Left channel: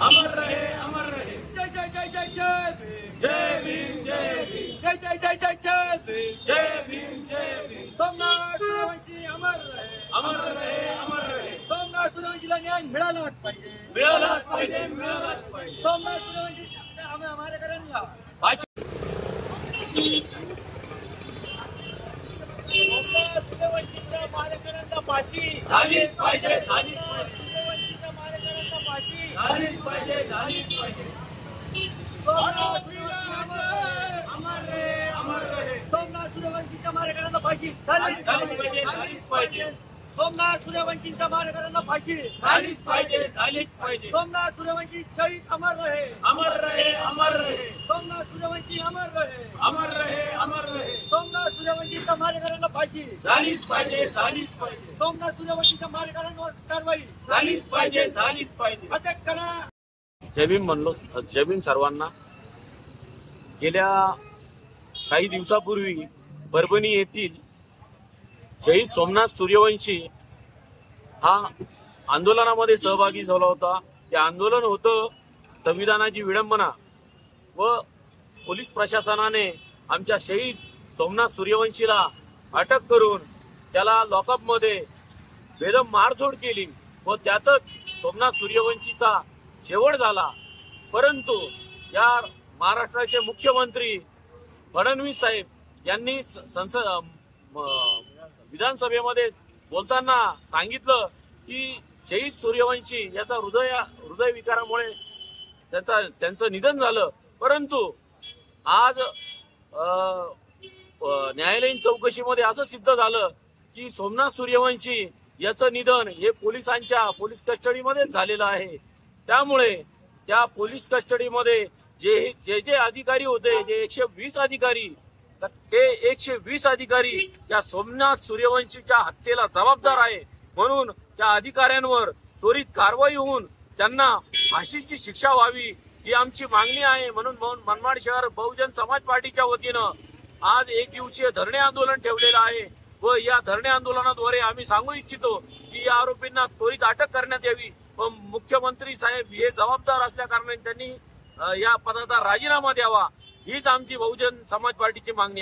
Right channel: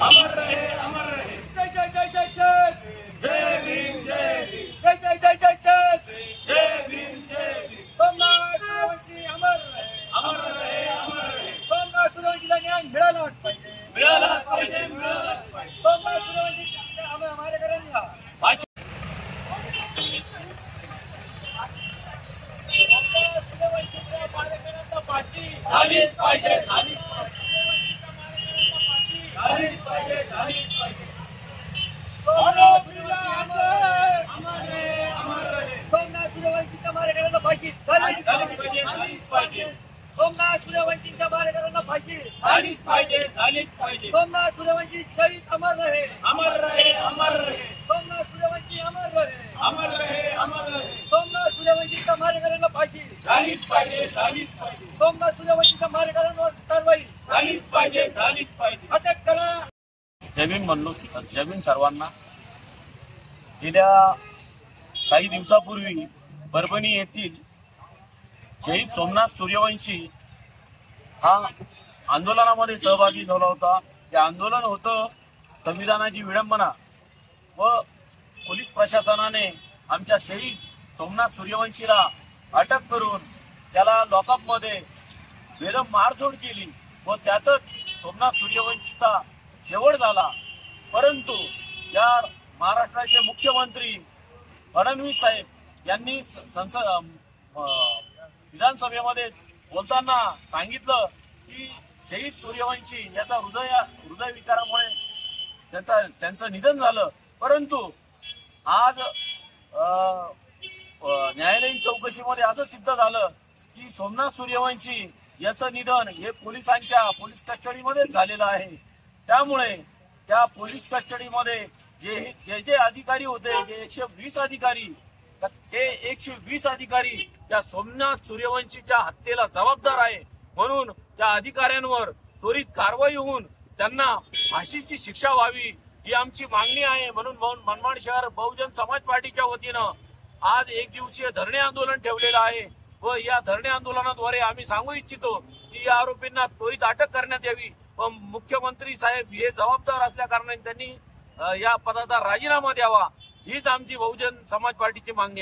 अमर रहे, अमर रहे। जय जय जय जय जय जय भीम, जय भीम, जय जय जय जय जय जय भीम, जय भीम। सोमनाथ सूर्यवंशी अमर रहे, अमर रहे, अमर रहे। सोमनाथ सूर्यवंशीला न्याय मिळालाच पाहिजे, मिळालाच पाहिजे, मिळालाच पाहिजे। सोमनाथ सूर्यवंशी हमारे करांना सूर्यवंशीच्या मारेकरांना फाशी झालीच पाहिजे, झालीच पाहिजे, सूर्यवंशीच्या मारेकरांना फाशी झालीच पाहिजे, झालीच पाहिजे। सोमनाथ सूर्यवंशी अमर रहे, अमर रहे, अमर रहे। सोमनाथ सूर्यवंशीच्या मारेकरांना फाशी झालीच झालीच पाहिजे, झालीच पाहिजे, सोमनाथ सूर्यवंशीच्या मारेकरांना फाशी झालीच पाहिजे, झालीच पाहिजे। सोमनाथ सूर्यवंशी शहीद अमर रहे, अमर रहे, अमर रहे। सोमनाथ सूर्यवंशी अमर रहे, अमर रहे, अमर रहे। सोमनाथ सूर्यवंशीच्या मारेकरांना फाशी झालीच पाहिजे, झालीच पाहिजे, सोमनाथ सूर्यवंशीच्या मारेकरांवर कारवाई झालीच पाहिजे, झालीच पाहिजे। अटक करा। जय भीम म्हणलो, जय भीम सर्वांना। गेल्या काही दिवसापूर्वी परभणी येथील शहीद सोमनाथ सूर्यवंशी हा आंदोलनामध्ये सहभागी झाला होता। ते आंदोलन होतं संविधानाची विडंबना व पोलीस प्रशासनाने आमच्या शहीद सोमनाथ सूर्यवंशीला अटक करून त्याला लॉकअपमध्ये बेदम मारझोड केली व त्यातच सोमनाथ सूर्यवंशीचा शेवट झाला। परंतु या महाराष्ट्राचे मुख्यमंत्री फडणवीस साहेब यांनी विधानसभेमध्ये बोलताना सांगितलं की शहीद सूर्यवंशी याचा हृदय विकारामुळे त्यांचं निधन झालं। परंतु आज न्यायालयीन चौकशीमध्ये असं सिद्ध झालं की सोमनाथ सूर्यवंशी याचं निधन हे पोलीस कस्टडीमध्येच झालेलं आहे। त्यामुळे त्या पोलीस कस्टडीमध्ये जे अधिकारी होते, जे 120 अधिकारी, ते 120 अधिकारी त्या सोमनाथ सूर्यवंशीच्या हत्येला जबाबदार आहे। म्हणून त्या अधिकाऱ्यांवर त्वरित कारवाई होऊन त्यांना फाशीची शिक्षा व्हावी ही आमची मागणी आहे। म्हणून मनमाड शहर बहुजन समाज पार्टीच्या वतीनं आज एक दिवसीय धरणे आंदोलन ठेवलेलं आहे व या धरणे आंदोलनाद्वारे आम्ही सांगू इच्छितो की या आरोपींना त्वरित अटक करण्यात यावी व मुख्यमंत्री साहेब हे जबाबदार असल्या कारणाने त्यांनी या पदाचा राजीनामा द्यावा हीच आमची बहुजन समाज पार्टीची मागणी आहे।